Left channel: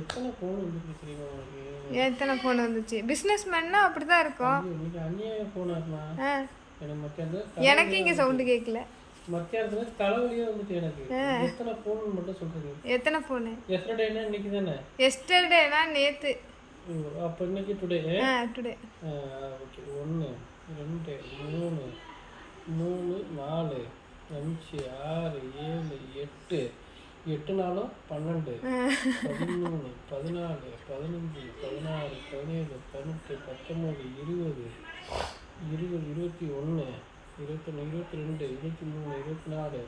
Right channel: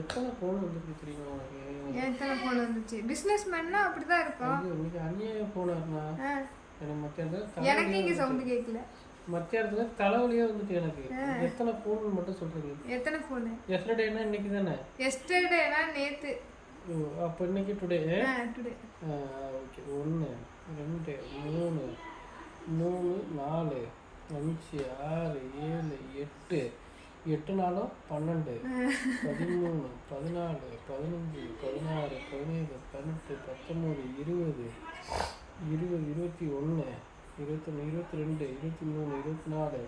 எத்தனை ஃபோன் வந்துருக்கு தெரியுமா உனக்கு? எத்தனை ஃபோன் வந்துச்சு? பிஸ்னஸ் மேன்னா அப்படிதான் இருக்கும். உனக்கு அநியாய ஃபோன் ஆகுமா? எனக்கு மத்தியானத்துல எனக்கு இங்கே சவுண்டு கேட்கல. மத்தியானத்துல தலைவலியே வந்துட்டு எனக்கு. எத்தனை ஃபோன் மட்டும் சொல்றீங்க? எத்தனை ஃபோனு? எஸ்டர்டேனா இன்னைக்கு தானே? எஸ்டர்டேனா நேத்து. அப்போ இன்னைக்கு டுடே? டுடே. ஓகே. 1 2 3 3 4 5 6 7 8 8 நாளும் 12 13 14 15 16 17 18 19 20 20 21 21 22 23 24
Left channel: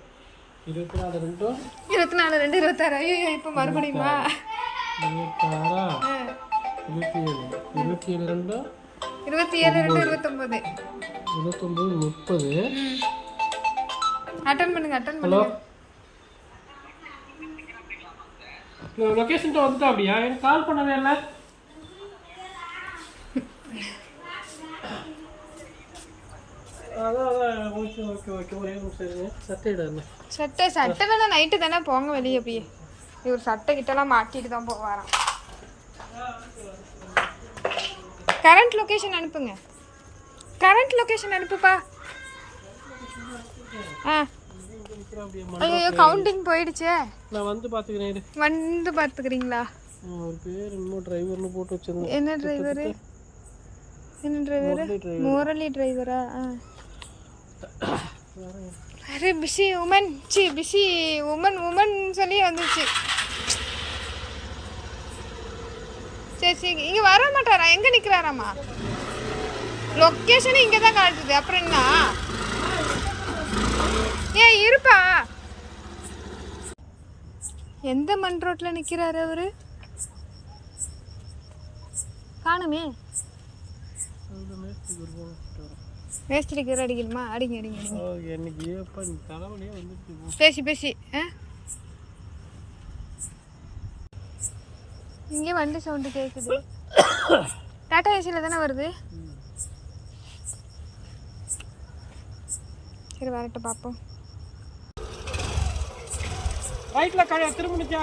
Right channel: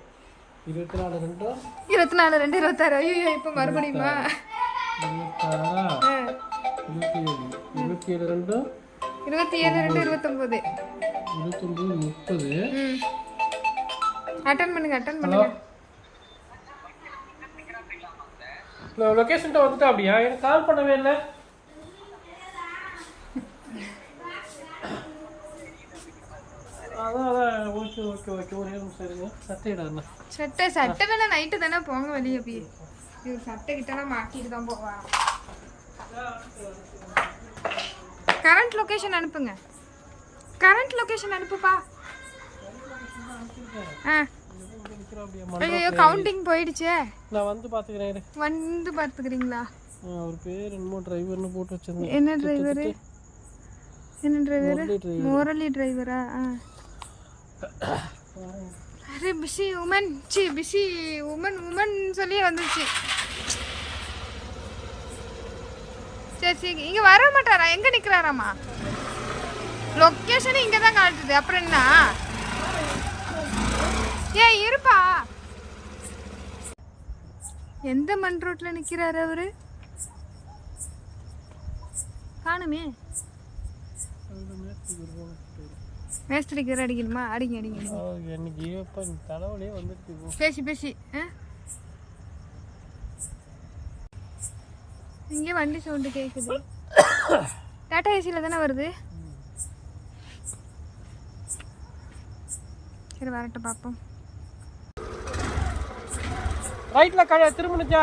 24 2 24 2 26. ஐயோ இப்போ மறுபடியுமா? 26 27 27 2 27 2 29 29 30. அட்டெண்ட் பண்ணுங்க. ஹலோ, நான் லொகேஷன்ட்ட வந்துட்டேன். அப்படியா? எனக்கு கால் பண்ணவே இல்லை. அதான் ஓகே ஓகே ஓகே. ஒரே நிமிஷம் இருங்க. சட்டை எடுங்க. சட்டை வேணா நைட்டு தானே போங்க வெளியே போய். இவர் சட்டை கிட்டலாம் மாட்டிட்டு தான் போவாராம். கரண்ட் லொகேஷன் அனுப்புங்க. கரண்ட் லொகேஷன் அனுப்புப்பா. ஐயோ கவுண்டிங் போயிடுச்சே. நான் வந்து பாத்துக்கிறேன். வந்து பார்த்துக்கிறீங்களா? அவர் பேர் என்னமோ டிரைவர்னு போட்டு வச்சிருந்தேன். என்ன டிரைவர்? என்ன டிரைவர்? முரளி டிரைவரா? அரே பிஸி உமன். பிஸி உமன் சொல்லி வந்துச்சு. சரி சரி. இங்கே வர மாட்டாரா? எங்கே நிற்கிறாராம்மா? லொக்கேஷன் இங்கே தான் காட்டுது. அப்புறம் என்ன? ஏன் இருப்பா. எந்த மண் ரோட்டில் நிற்கிறாரு அவரு? காணுமே. மேஸ்திரிக்கு அடிக்கணுமா? அடிங்க அடிங்க பேசி பேசி. இங்கே வண்டி சவுண்டு கேட்குது. டாடா ஏசியில் தானே வருது. சரி வரட்டும் பார்ப்போம். ரைட்டில் திரும்பினுச்சா?